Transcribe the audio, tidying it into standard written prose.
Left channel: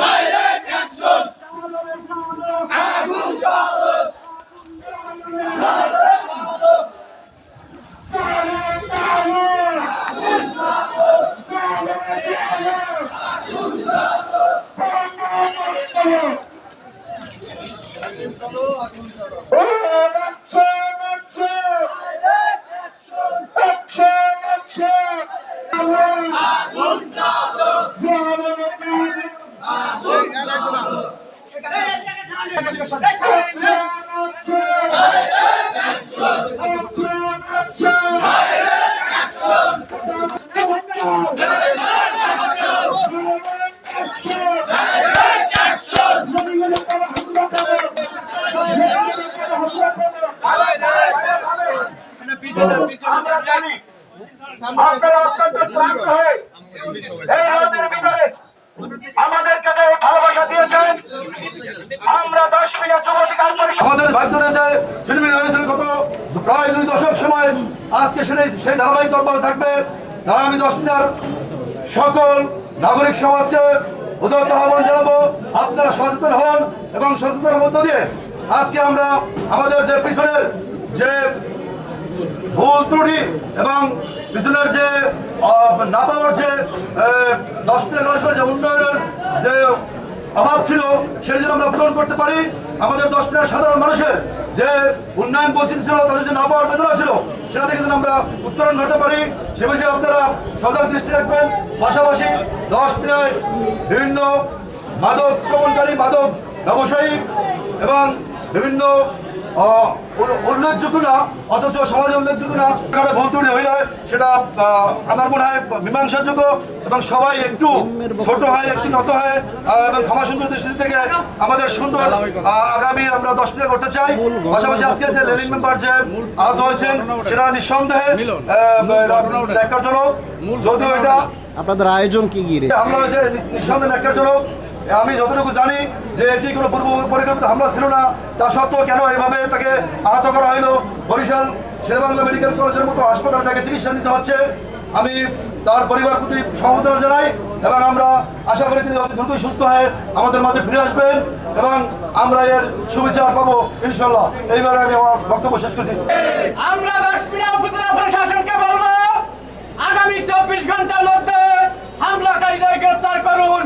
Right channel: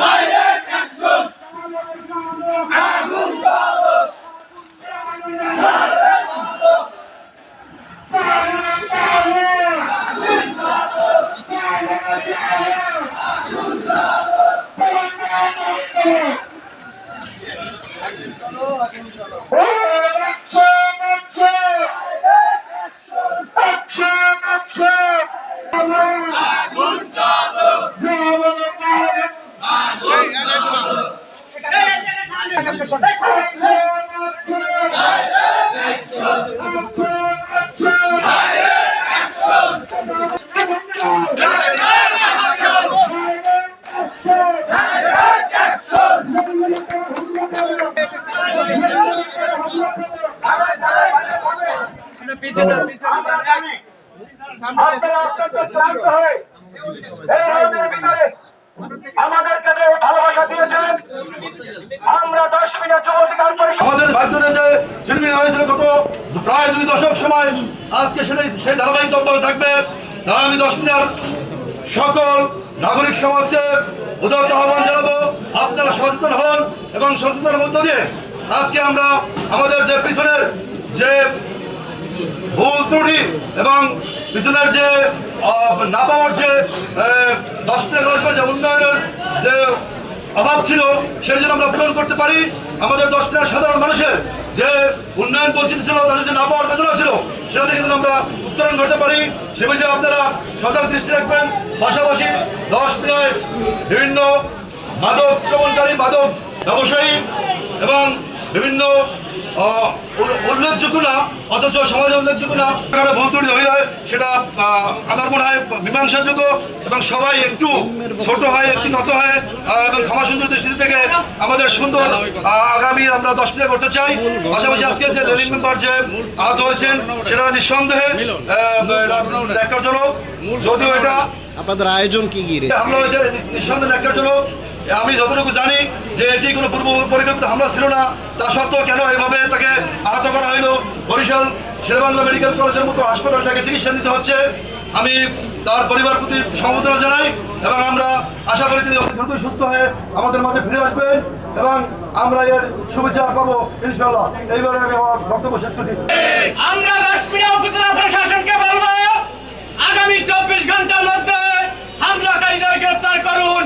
Direct action আগুন জ্বালো আমাদেরকে ভালোবাসা দিয়েছেন। আমরা 10 মিনিট যুব অধিকার পরিষদ আমাদের ভাগ্য রয়েছে সিলমিন হয়েছিল গত প্রায় 2 দশক সময়। আজকে সেই ধারাবাহিক অব্যাহত থাকবে। তাই আমি 10 মিনিট সকল নাগরিক সমাজকে উদাত্ত আহ্বান জানাবো, আপনারা সচেতন হন এবং সচেতনের মধ্য দিয়ে আজকে আমরা আমাদের যে পিছনের যে ভুল ত্রুটি এবং পিছনের যে না পাওয়ার যে 10 মিনিট যে উন্নয়নের যে অভাব ছিল সেটা যেন আমরা পূরণ করতে পারি। আমাদের 10 মিনিট সাধারণ মানুষের যে উন্নয়ন বঞ্চিত ছিল, তাদের যে না পাওয়ার বেদনা ছিল, সেটা থেকে যেন আমরা উত্তরণ করতে পারি সে বিষয়ে আপনারা সজাগ দৃষ্টি রাখবেন। পাশাপাশি 10 মিনিট বিভিন্ন মাদক সেবনকারী, মাদক ব্যবসায়ী এবং বিভিন্ন উল্লেখযোগ্য না অথচ সমাজে উল্লেখযোগ্য না ভুল ত্রুটি হইলে সেটা আমার মনে হয় মীমাংসাযোগ্য এবং সবাই একটু ছোট হয়, একটু নত হয় এবং ক্ষমা সুন্দর দৃষ্টি থেকে আমাদের সুন্দর আগামী আমরা 10 মিনিট করতে চাই। পাশাপাশি আজকে যে লেলিং মেম্বার যে আহত হয়েছেন সেটা নিঃসন্দেহে দেখার জন্য, যদিও এটা আপনাদের আয়োজন কি হামলা হয়েছে নিঃসন্দেহে দেখার জন্য। আমি যতটুকু জানি যে এটি কোনো পূর্ব পরিকল্পিত হামলা ছিল না, তা সত্ত্বেও কেন এভাবে তাকে আহত করা হলো, বরিশাল শেরেবাংলা মেডিকেল কলেজের মতো হাসপাতাল তাকে চিকিৎসা নিতে হচ্ছে। আমি তার পরিবার প্রতি সমবেদনা জানাই এবং আমরা আশা করি তিনি দ্রুতই সুস্থ হয়ে আমাদের মাঝে ফিরে আসবেন এবং আমরা এর সুবিচার পাবো ইনশাল্লাহ। এইবারে আমি আমার বক্তব্য শেষ করছি। আমরা 10 মিনিট উপজেলা প্রশাসনকে বলবো আগামী 24 ঘন্টার মধ্যে হামলাকারীদের গ্রেফতার করুন।